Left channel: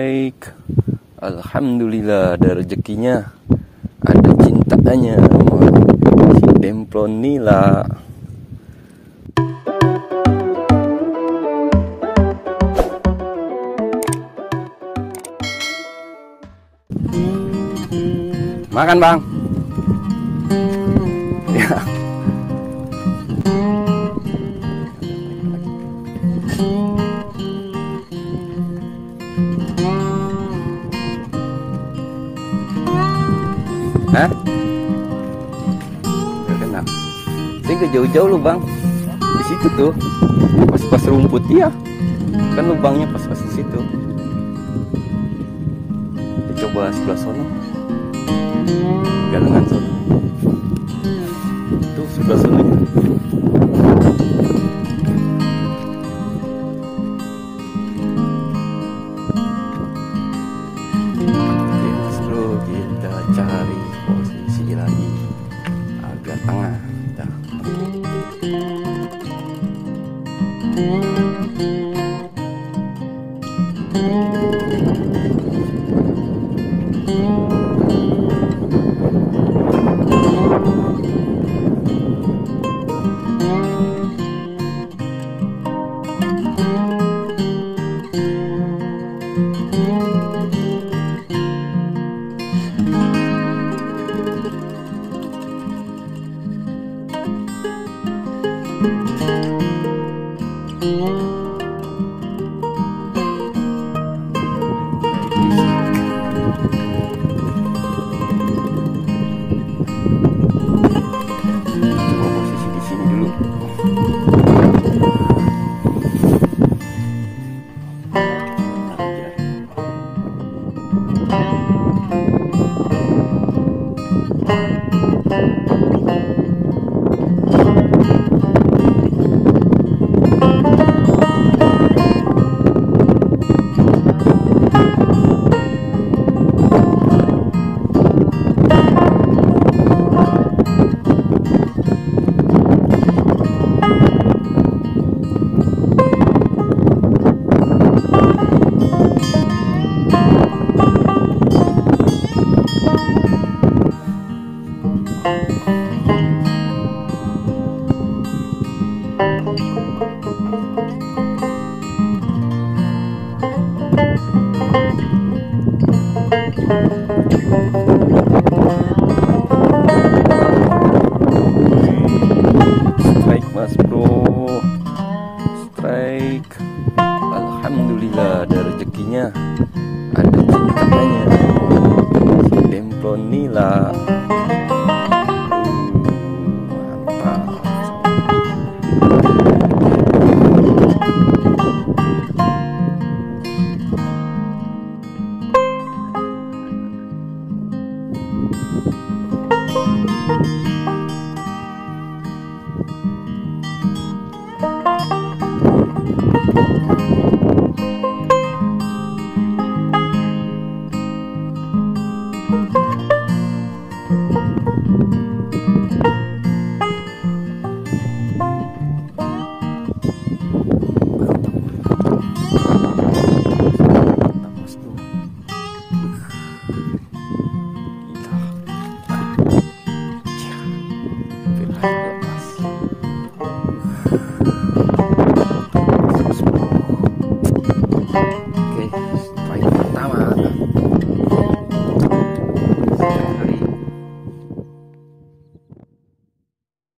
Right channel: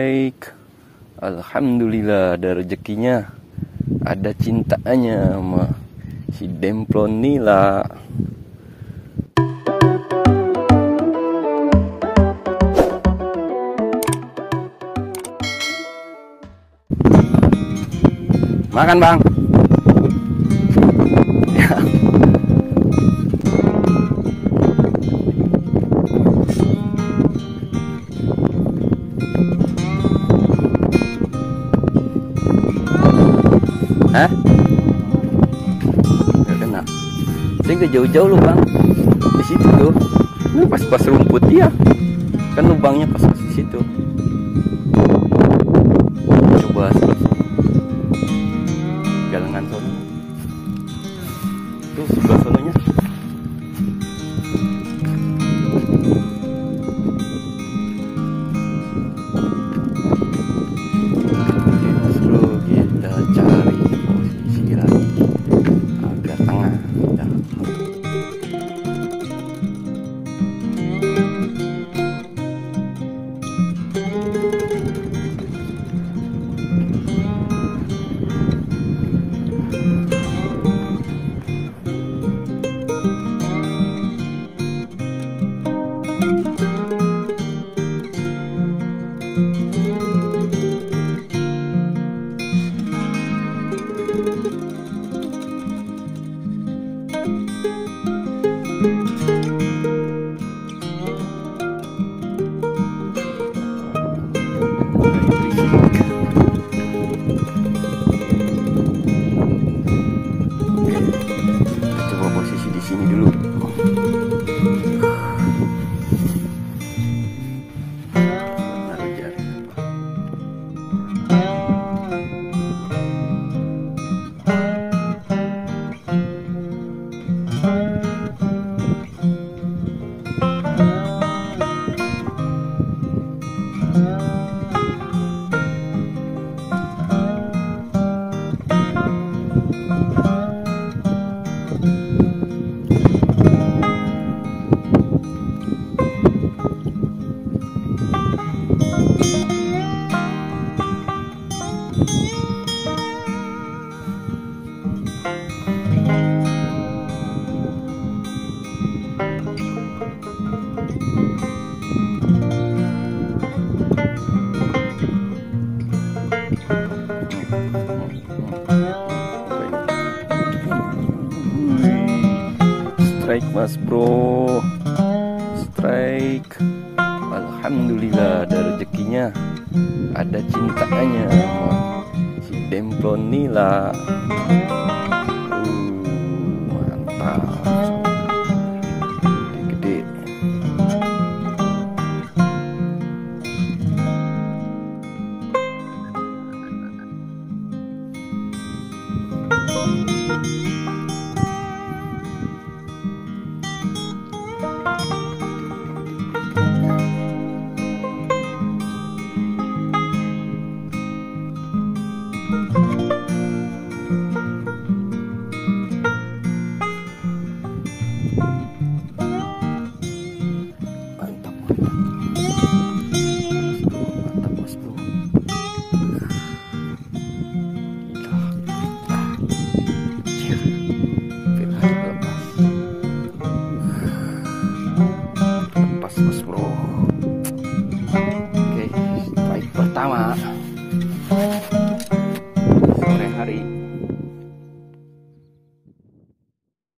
Baik, alhamdulillah ada rezekinya, ada cintanya sama si demplon nila. Makan bang. Ya. Hah? Gak kena. Saya gak jauh-jauh loh bang. Di situ tuh. Pas-pas rumput ya. Kan lubangnya pas-pas di situ. Coba sebelah sana. Galengan sana. Tuh sebelah sananya. Kita cari posisi lagi agak tengah. Coba posisi di sini dulu. Taruh jaring apa? Strike mas bro, strike. Alhamdulillah ada rezekinya, ada cintanya si demplon nila.